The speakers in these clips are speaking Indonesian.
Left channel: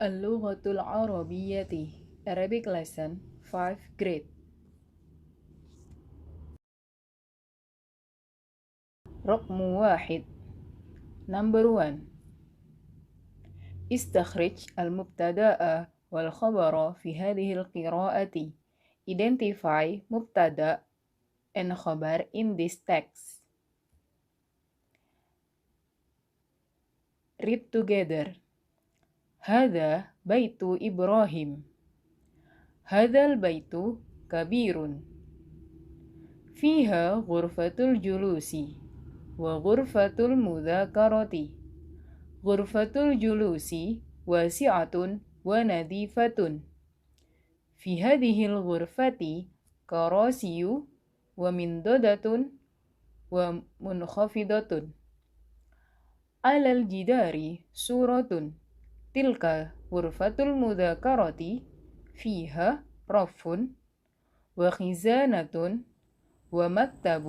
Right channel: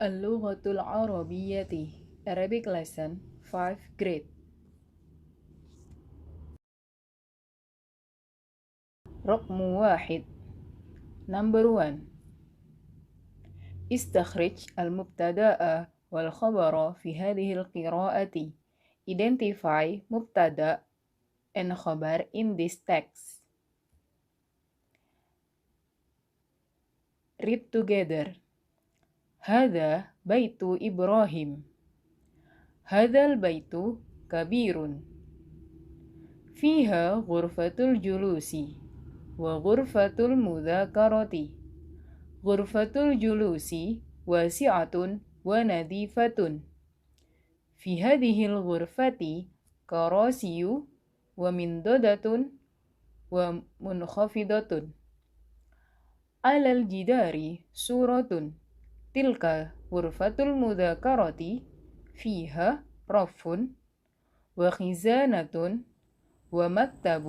Al-Lughatul Arabiyyati, Arabic Lesson 5 Grade. Raqmu wahid. Number 1. استخرج المبتدأ والخبر في هذه القراءة. Identify مبتدأ and khabar in this text. Read together. هذا بيت إبراهيم. هذا البيت كبير. فيها غرفة الجلوس وغرفة المذاكرة. غرفة الجلوس واسعة ونظيفة. في هذه الغرفة كراسي ومنضدة ومنخفضة. على الجدار صورة. تلك غرفة المذاكرة. فيها رف وخزانة ومكتب.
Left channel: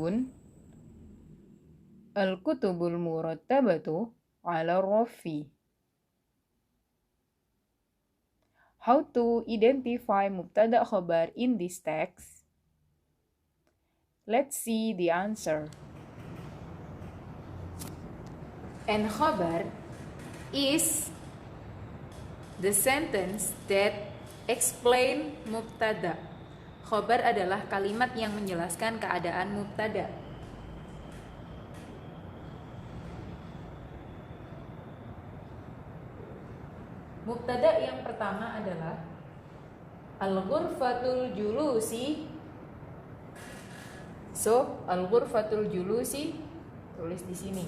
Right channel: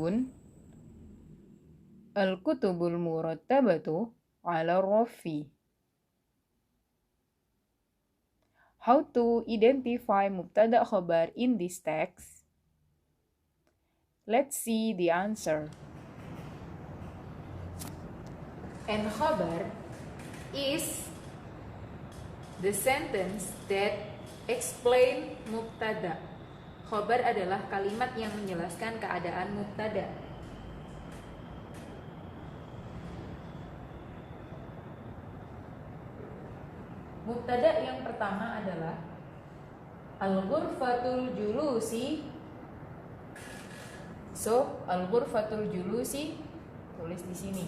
الكتب المرتبة على الرف. How to identify mubtada khabar in this text? Let's see the answer. And khabar is the sentence that explain mubtada. Khabar adalah kalimat yang menjelaskan keadaan mubtada. Mubtada yang pertama adalah al-ghurfatul julusi. So, al-ghurfatul julusi tulis di sini.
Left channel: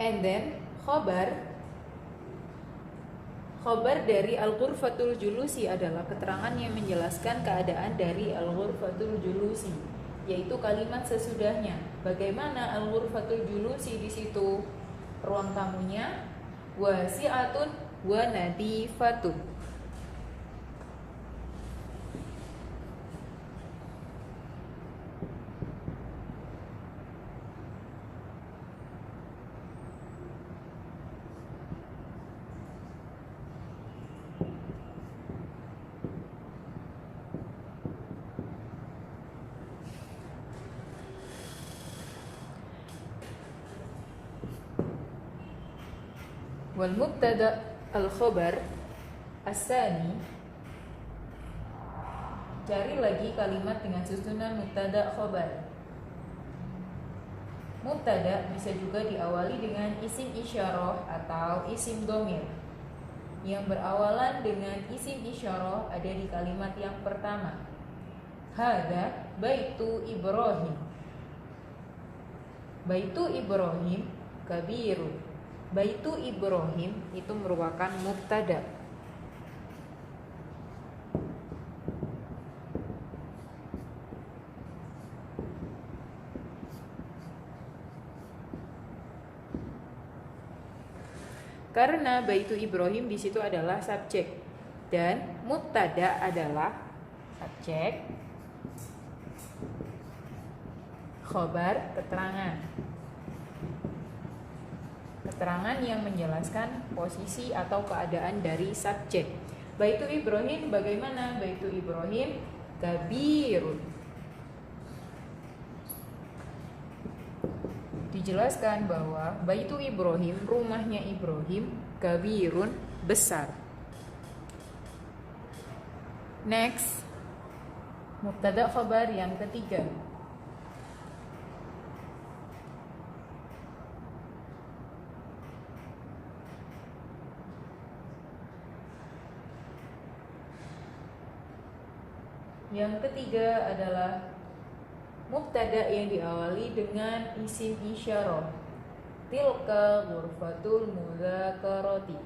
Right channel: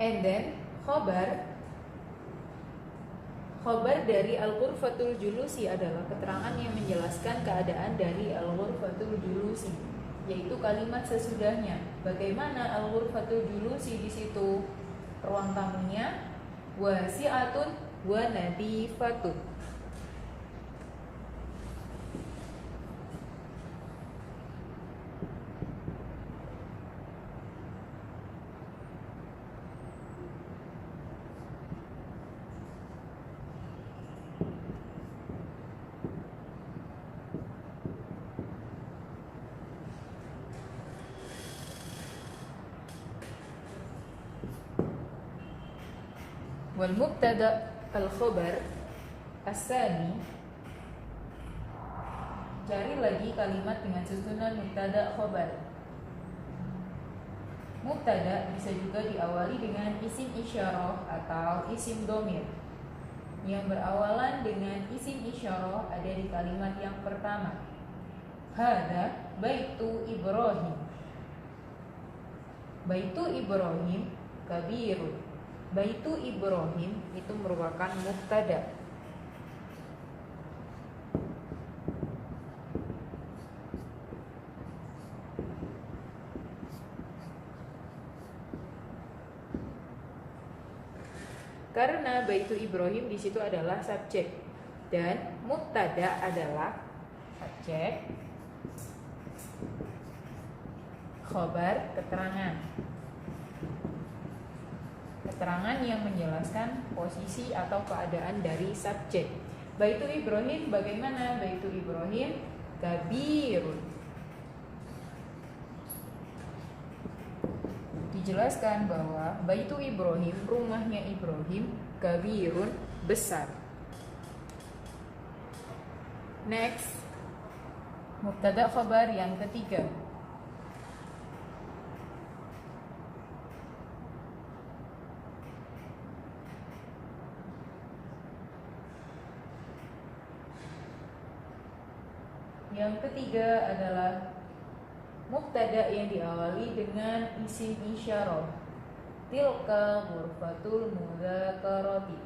And then khabar dari al-ghurfatul julusi adalah keterangan yang menjelaskan keadaan dari al-ghurfatul julusi, yaitu kalimat sesudahnya. Bagaimana al-ghurfatul julusi di situ? Ruang tamunya wasi'atun wa nadifatun. Wal mubtada al-khabar as-sani. Cari lagi kalimat dengan susunan mubtada khabar. Mubtada bisa juga diawali dengan isim isyarah atau isim dhamir. Yang berawalan dengan isim isyarah ada di kalimat yang pertama. Hada baitu Ibrahim. Baitu Ibrahim kabiru. Baitu Ibrahim itu merupakan mubtada. Karena baitu Ibrahim di situ adalah subjek dan mubtada adalah subjek, khabar keterangan. Keterangan yang menjelaskan posisi atau keadaan dari subjek. Baitu Ibrahim bagaimana? Baitu Ibrahim kabirun. Dijelaskan bahwa baitu Ibrahim, rumahnya Ibrahim, kabirun, besar. Next, mubtada khabar yang ketiga. Yang ketiga adalah mubtada yang diawali dengan isim isyarah. Tilka ghurfatul mudzakarati.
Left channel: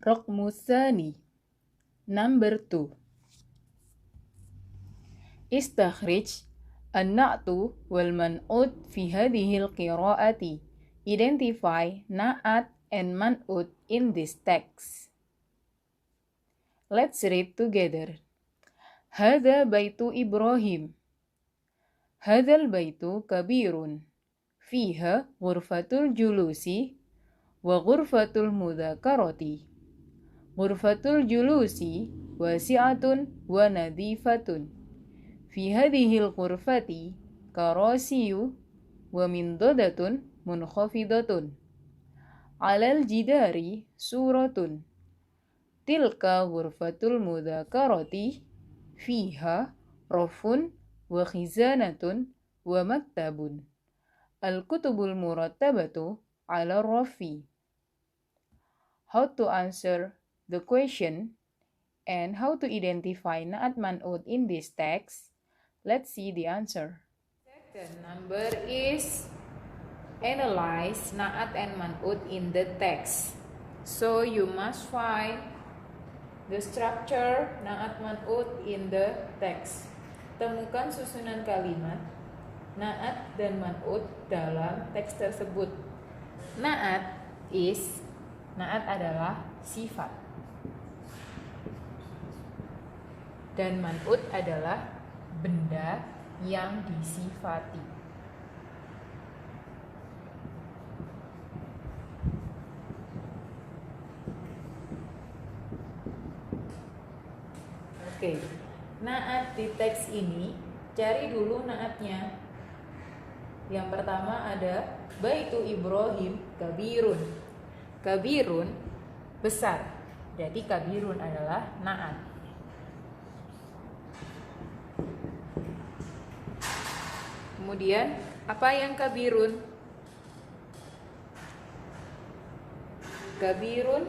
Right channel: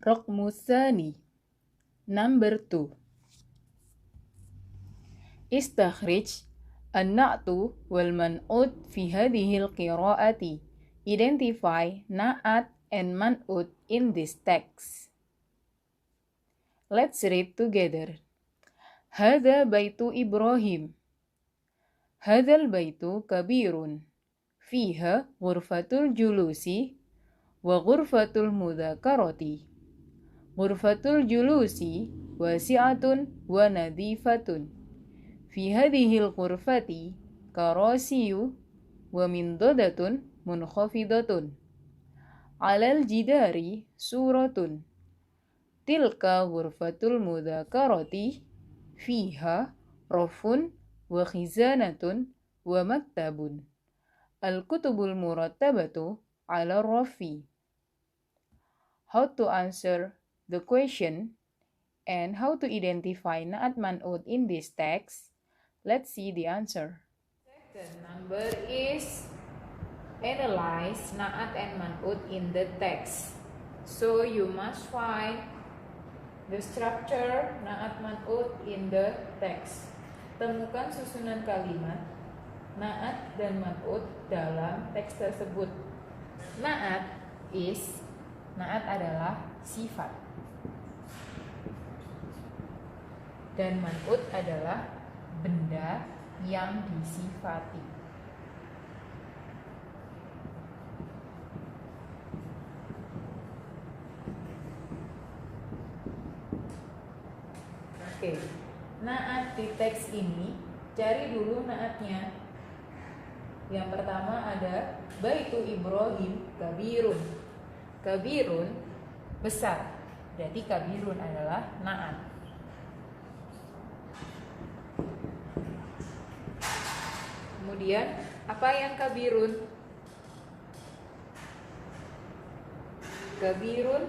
Raqmu tsani. Number 2. Istakhrij an-na'tu wal man'ut fi hadhil qiraati. Identify na'at and man'ut in this text. Let's read together. Hadha baitu Ibrahim. Hadzal baitu kabirun. Fiha ghurfatul julusi wa ghurfatul mudzakarati. Ghurfatul julusi wasi'atun wa nadhifatun. Fi hadhil ghurfati karasiyu wa mindadatun munkhafidatun. Alal jidari suratun. Tilka ghurfatul mudzakarati fiha rafun wa khizanatun wa maktabun. Al-kutubul murattabatu ala rafi. How to answer the question and how to identify na'at man'ut in this text? Let's see the answer. Second number is analyze na'at and man'ut in the text. So you must find the structure na'at man'ut in the text. Temukan susunan kalimat na'at dan man'ut dalam teks tersebut. Na'at adalah sifat dan man'ut adalah benda yang disifati. Oke, na'at di teks ini, cari dulu na'atnya. Yang pertama ada baitu Ibrahim kabirun. Kabirun besar. Jadi kabirun adalah na'at. Kemudian apa yang kabirun? Kabirun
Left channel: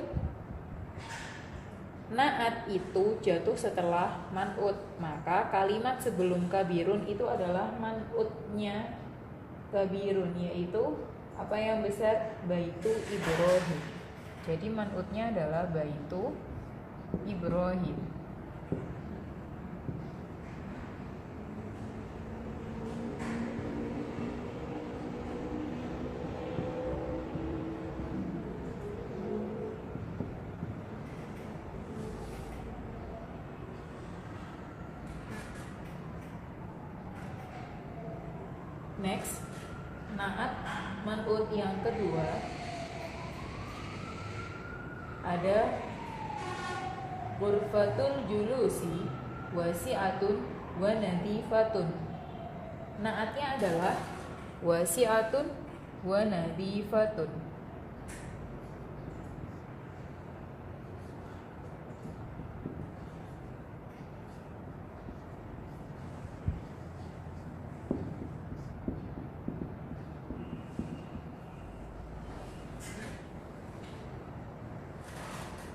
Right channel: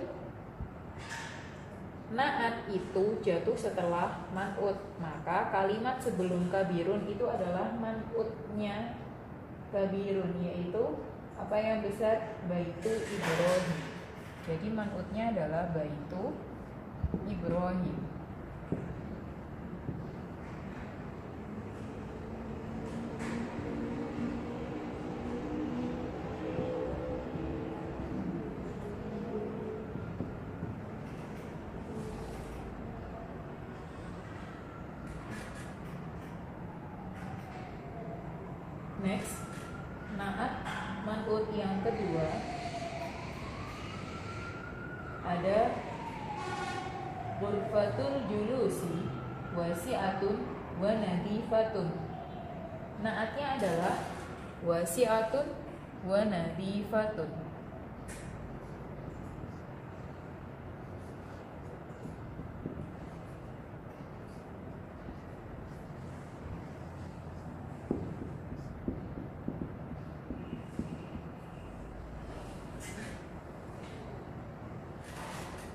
na'at itu jatuh setelah man'ut. Maka kalimat sebelum kabirun itu adalah man'utnya kabirun, yaitu apa yang besar? Baitu Ibrahim. Jadi man'utnya adalah baitu Ibrahim. Next, na'at man'ut yang kedua ada ghurfatul julusi wasi'atun wa nadhifatun. Na'atnya adalah wasi'atun wa nadhifatun.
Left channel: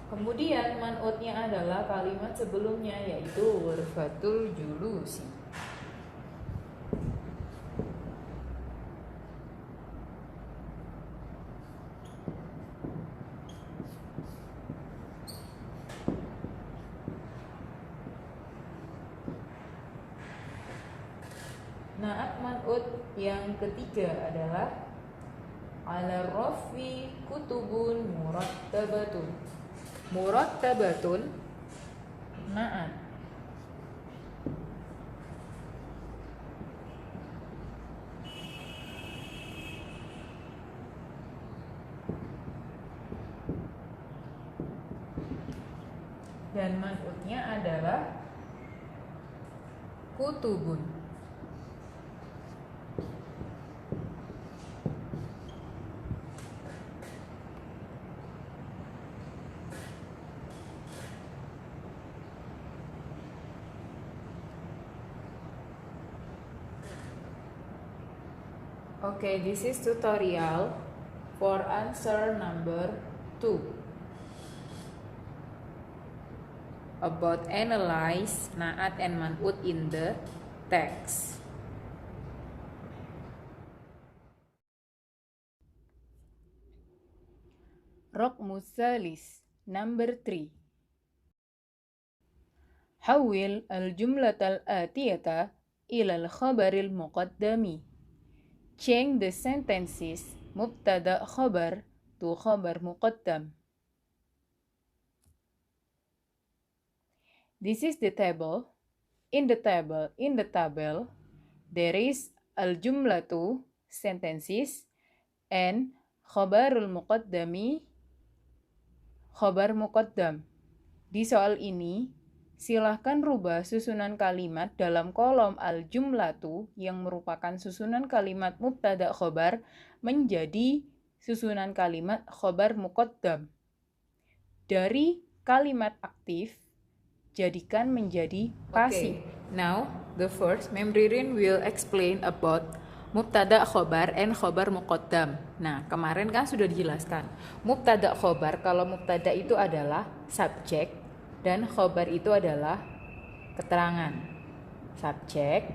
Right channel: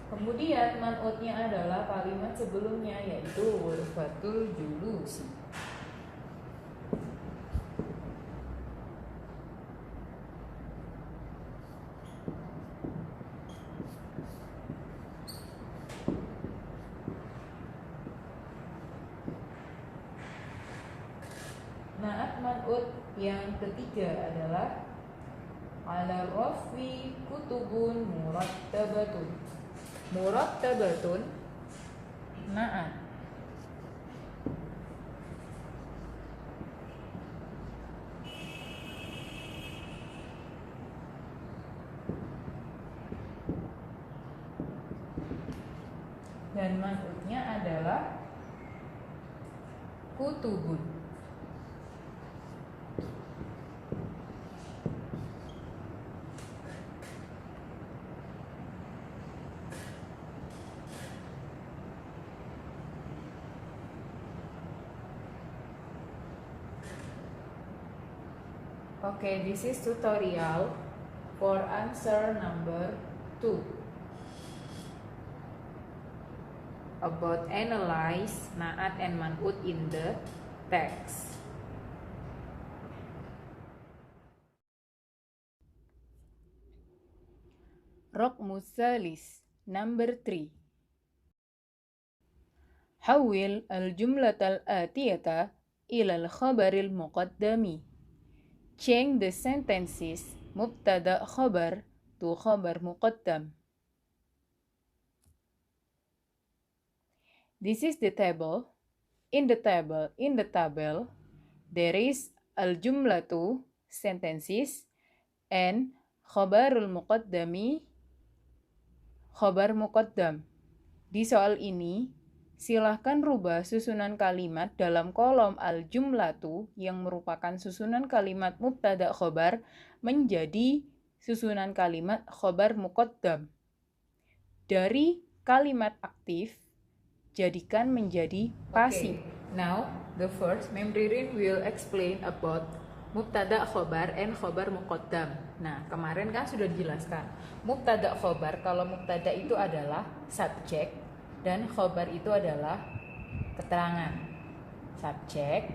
Kemudian man'utnya adalah kalimat sebelumnya, yaitu ghurfatul julusi. Na'at man'ut yang ketiga adalah ala rafi kutubun murattabatun. Murattabatun na'at. Dan man'utnya adalah kutubun. Okay, this is tutorial for answer number 2 about analyze na'at and man'ut in the text. Raqmus salis number 3. حول الجملة الآتية إلى الخبر المقدم. Change the sentences مبتدأ خبر to خبر مقدم. This is the table. In the table, there is al-jumlatu sentences and khabarul muqaddami khabar muqaddam. Di soal ini, silahkan rubah susunan kalimat dalam kolom al-jumlatu yang merupakan susunan kalimat mubtada khabar menjadi susunan kalimat khabar muqaddam. Dari kalimat aktif, jadikan menjadi pasif. Now, the first Memririn will explain about mubtada khobar and khobar muqaddam. Nah, kemarin kan sudah dijelaskan. Mubtada khobar, kalau mubtada itu adalah subjek dan khobar itu adalah keterangan. Subjek,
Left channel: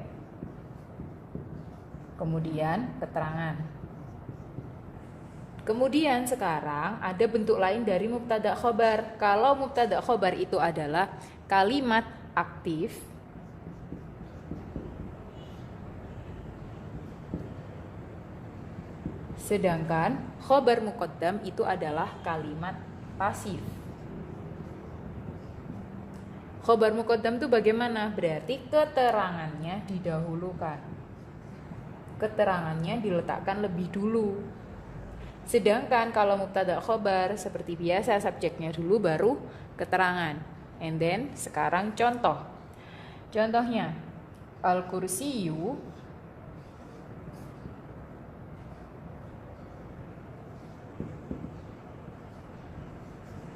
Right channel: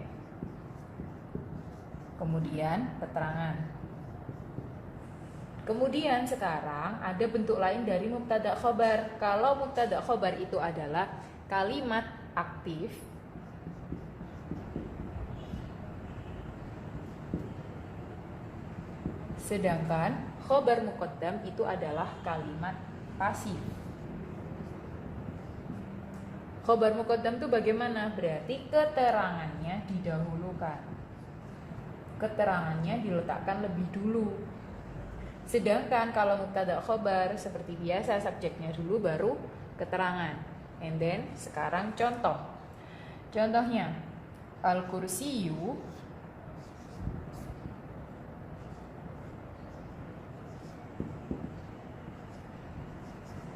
kemudian keterangan. Kemudian sekarang ada bentuk lain dari mubtada khobar. Kalau mubtada khobar itu adalah kalimat aktif, sedangkan khobar muqaddam itu adalah kalimat pasif. Khobar muqaddam itu bagaimana? Berarti keterangannya didahulukan. Keterangannya diletakkan lebih dulu. Sedangkan kalau mubtada khobar seperti biasa subjeknya dulu baru keterangan. And then sekarang contoh. Contohnya al-kursiyu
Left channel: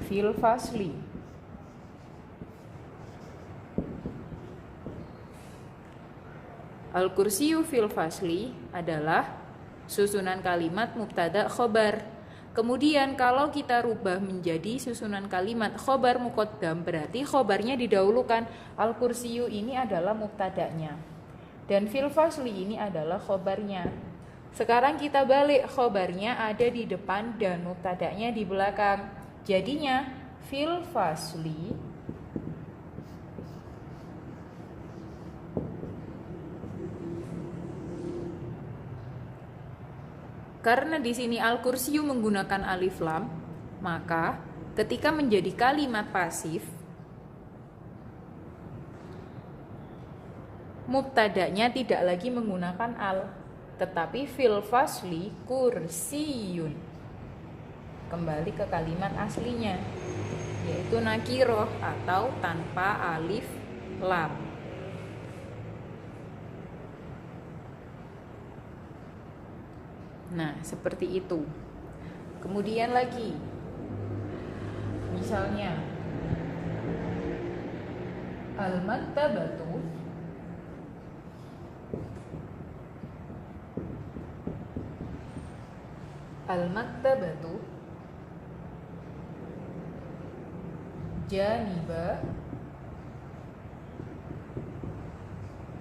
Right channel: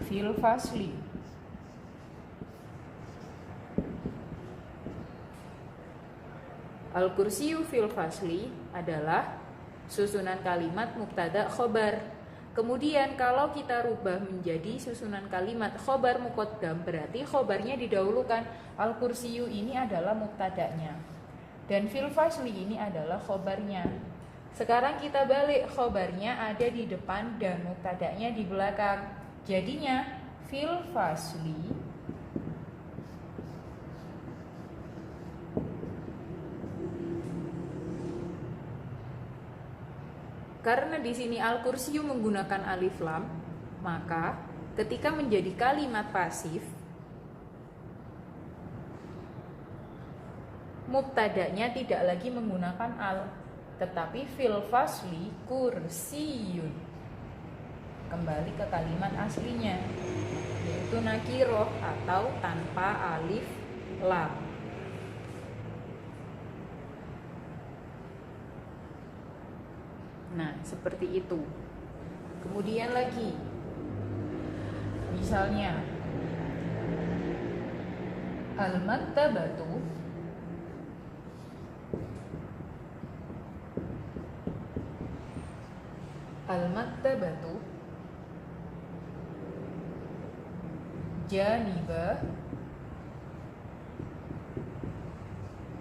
fil fasli. Al-kursiyu fil fasli adalah susunan kalimat mubtada khobar. Kemudian kalau kita rubah menjadi susunan kalimat khobar muqaddam, berarti khobarnya didahulukan. Al-kursiyu ini adalah mubtadanya dan fil fasli ini adalah khobarnya. Sekarang kita balik, khobarnya ada di depan dan mubtadanya di belakang. Jadinya fil fasli karena di sini al-kursiyu menggunakan alif lam, maka ketika menjadi kalimat pasif, mubtadanya tidak lagi menggunakan al, tetapi fil fasli kursiyun. Kembali ke kalimat aslinya, yaitu nakiroh atau tanpa alif lam. Nah, seperti itu. Kemudian lagi, misalnya al-maktabatu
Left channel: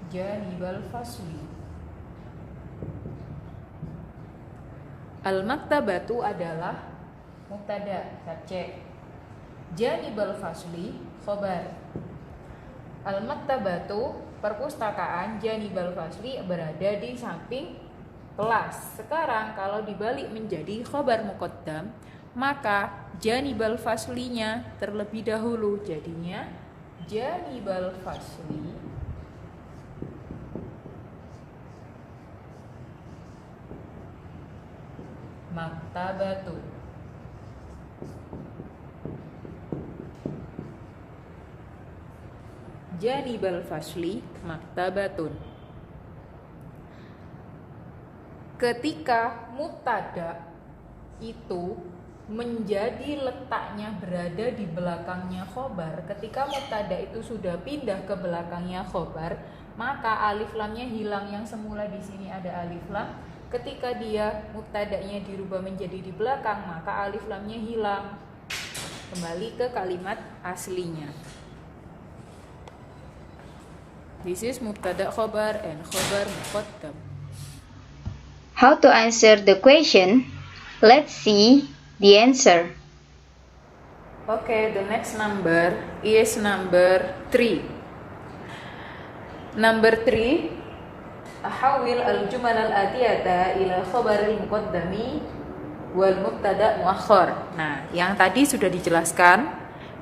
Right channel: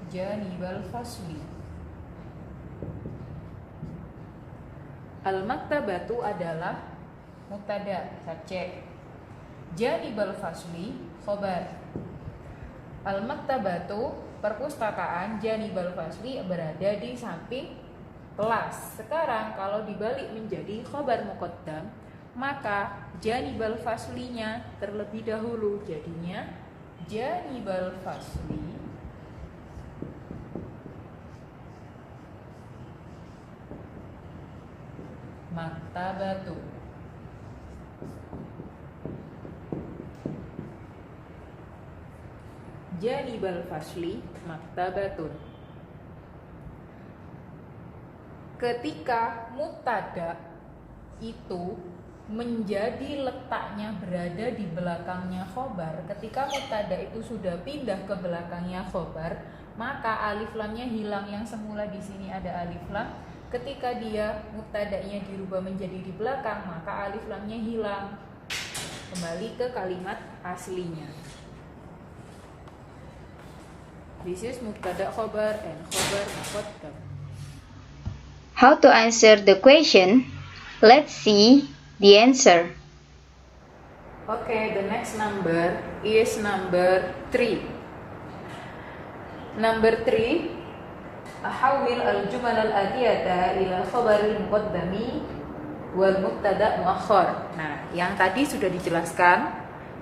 janibal fasli. Al-maktabatu adalah mubtada, subjek. Janibal fasli khobar. Al-maktabatu perpustakaan, janibal fasli berada di samping kelas. Sekarang kalau dibalik menjadi khobar muqaddam, maka janibal faslinya terlebih dahulu. Jadinya janibal fasli maktabatu. Janibal fasli maktabatun. Ketika mubtada itu menjadi letaknya berada di belakangnya khobar, ketika mubtada itu sudah pindah ke belakangnya khobar, maka alif lamnya hilang. Yang semula di sini ada alif lam, ketika dia mubtadanya dirubah menjadi di belakang, maka alif lamnya hilang, kembali ke kalimat aslinya. This is mubtada khobar and khobar muqaddam. How to answer the question? Let's see the answer. Okay, the next number is number 3. Number 3, ahawil al-jumal al-atiyata ila khabar al-muqaddami wal mubtada muakhar. Nah, yang tadi sudah dijelaskan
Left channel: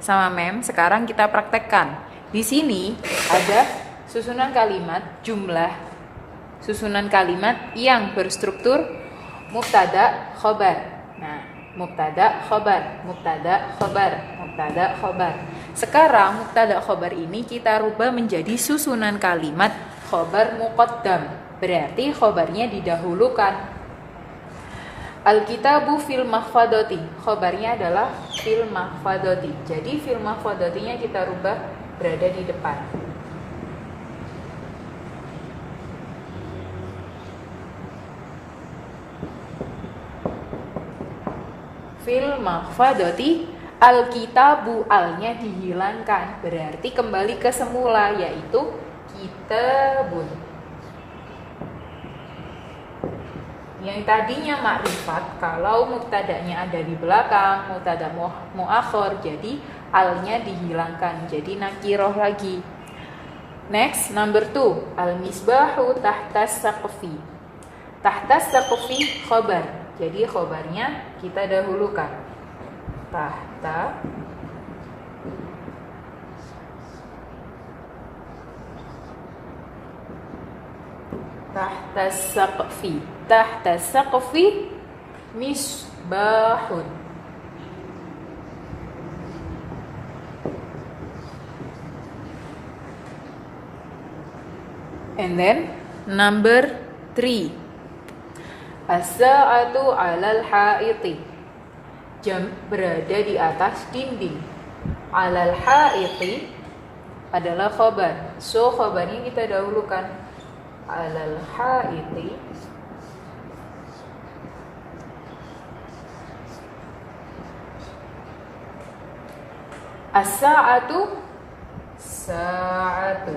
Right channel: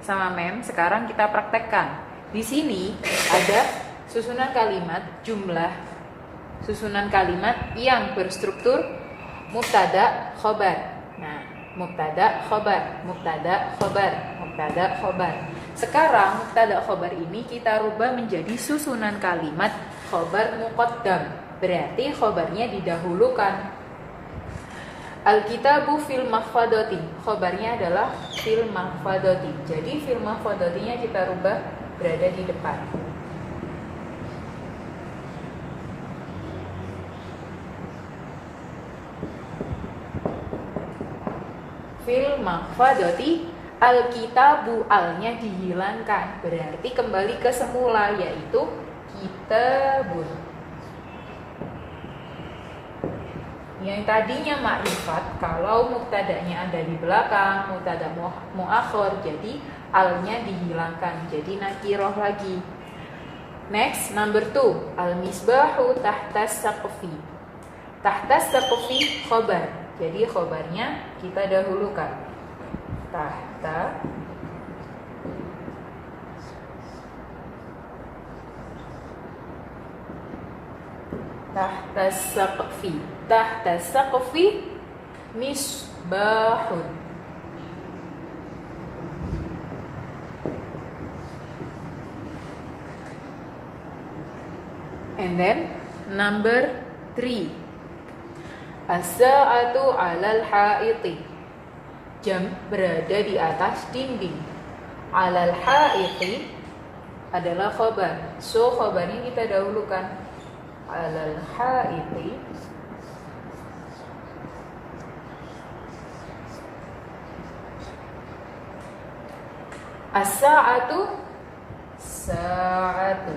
sama Mem, sekarang kita praktekkan. Di sini ada susunan kalimat, jumlah susunan kalimat yang berstruktur mubtada khobar. Nah, mubtada khobar, mubtada khobar, mubtada khobar. Sekarang mubtada khobar ini kita rubah menjadi susunan kalimat khobar muqaddam. Berarti khobarnya didahulukan. Al-kitabu fil mahfadoti, khobarnya adalah fil mahfadoti. Jadi fil mahfadotinya kita rubah berada di depan. Fil mahfadoti, al-kitabu, alnya dihilangkan, berarti kembali ke semula, yaitu kitabun. Yang tadinya makrifat, kalau mubtadanya ada di belakang, mubtada muakhir, jadi alnya dihilangkan, jadi nakiroh lagi. Next, number 2, al-misbahu tahtas saqfi. Tahtas saqfi khobar, jadi khobarnya kita dahulukan. Tahta saqfi, tahta saqfi misbahun. And then number 3, as-sa'atu 'alal ha'iti, jam berada di atas dinding. 'Alal ha'iti adalah khobar, so khobarnya kita dahulukan. 'Alal ha'iti as-sa'atu sa'atu.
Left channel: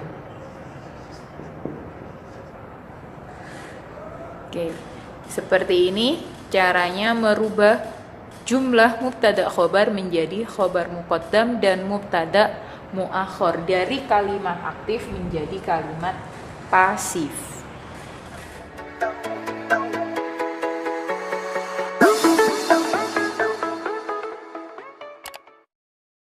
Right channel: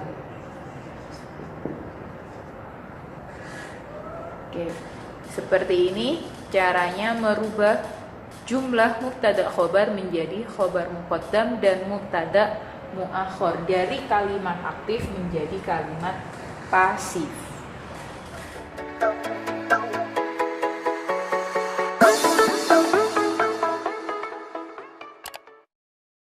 Oke, seperti ini caranya merubah jumlah mubtada khobar menjadi khobar muqaddam dan mubtada muakhir, dari kalimat aktif menjadi kalimat pasif.